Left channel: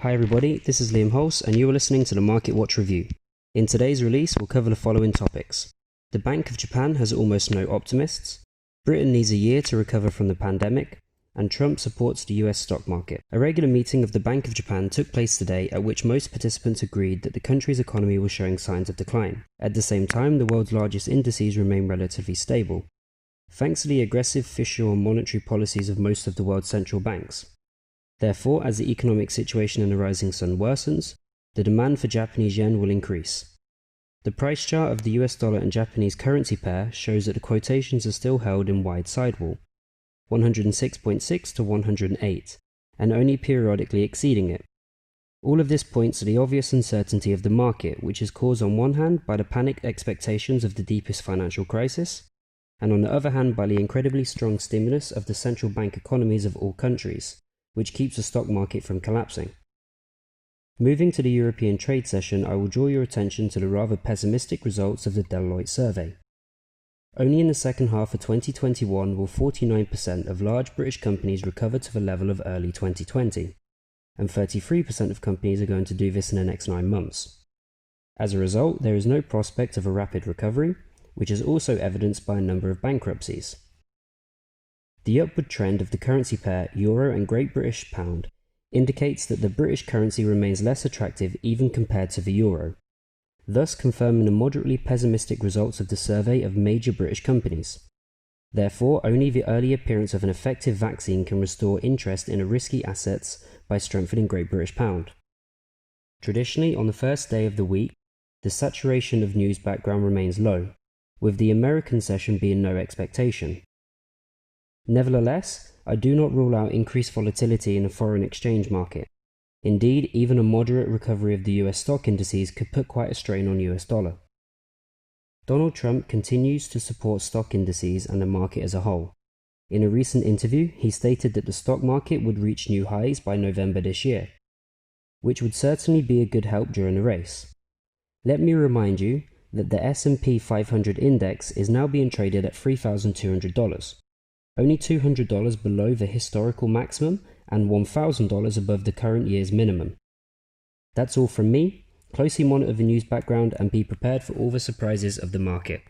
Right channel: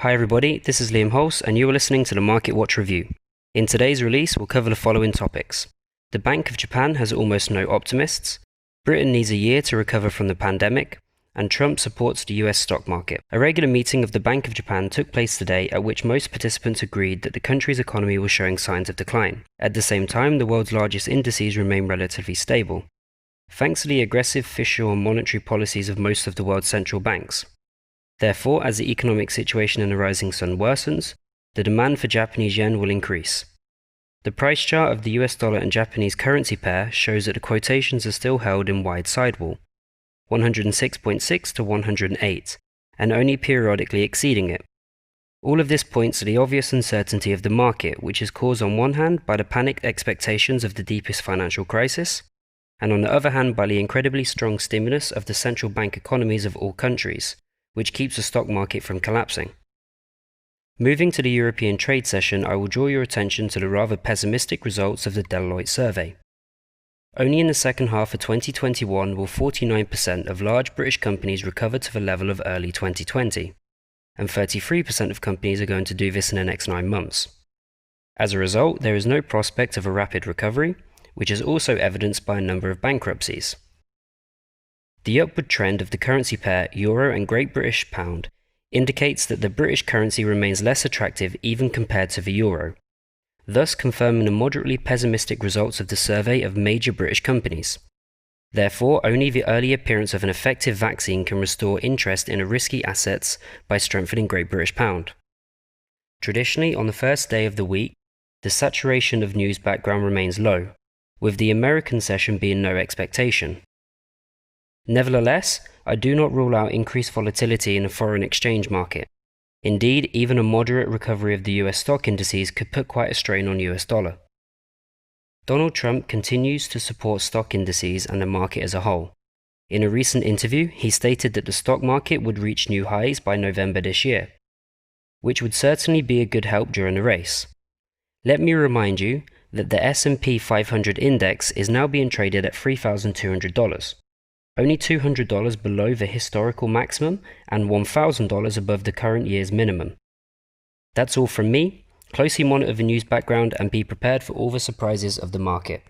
Hi everybody, this is Liam Hulse and you are listening to the Market Watch Review. In today's release, we'll cover the following topics. The Bank of Japan has almost no optimists, Britain needs a year to recover from the pandemic, and Trump supports the US stock market. A regular meeting of the Bank of Japan took place today at which most participants agreed that the country's economy was showing signs of decline. At the same time, the world's largest indices remain relatively stable, thanks to the aggressive fiscal and monetary policies of most of the world's central banks. Therefore, as the economic situation in the rising sun worsens, the demand for Japanese yen will increase. The price chart of the US dollar and Japanese currency pair shows that the quotations are still held in wide sidewall, 106.6 to 108, and only periodically exceeding it. All of this points to the obvious uncertainty of the market, which is caused on one hand by the panicked expectations of the deepest financial crisis, and on the other hand by the incredibly strong stimulus of the central bank economies of all countries, which keeps the stock market from collapsing. Moving to the European trade session, I will draw your attention to the rather pessimistic results of the Deloitte survey. Only in the second half of 2021 will 49% of large British companies recover to the level of early 2020, and 33% of companies are going to do this in the next 9 months. As a result, there is no prospect of a rapid recovery, which is also evidenced by a number of bankruptcies. The upward trend of the currency pair Euro and Great British Pound indicates that the British currency remains less attractive even compared to the Euro, thus confirming the moderately pessimistic results of the survey of major British companies. Therefore, only the early appearance of an effective vaccine can restore interest in risky assets by strengthening Great British Pound. Traditionally, on the first day of the week, the saturation of news background remains low, with the American session being no expectation. Nevertheless, I do not rule out increased volatility in the foreign exchange market. Indeed, even a moderate recovery of the US stock indices could put quite a strain on US dollar. Donald Trump continues to support stock indices and the market as a whole. In a recent interview, he stated that the stock market would reach new highs by November this year, which would certainly be a good help during the race. Let me remind you that the S&P 500 index is now being traded at $3,200. Only $200 below the historical maximum and $1,000 above the current year's minimum. That's all from me. Closely monitor the news background and be prepared for all the surprises of the market.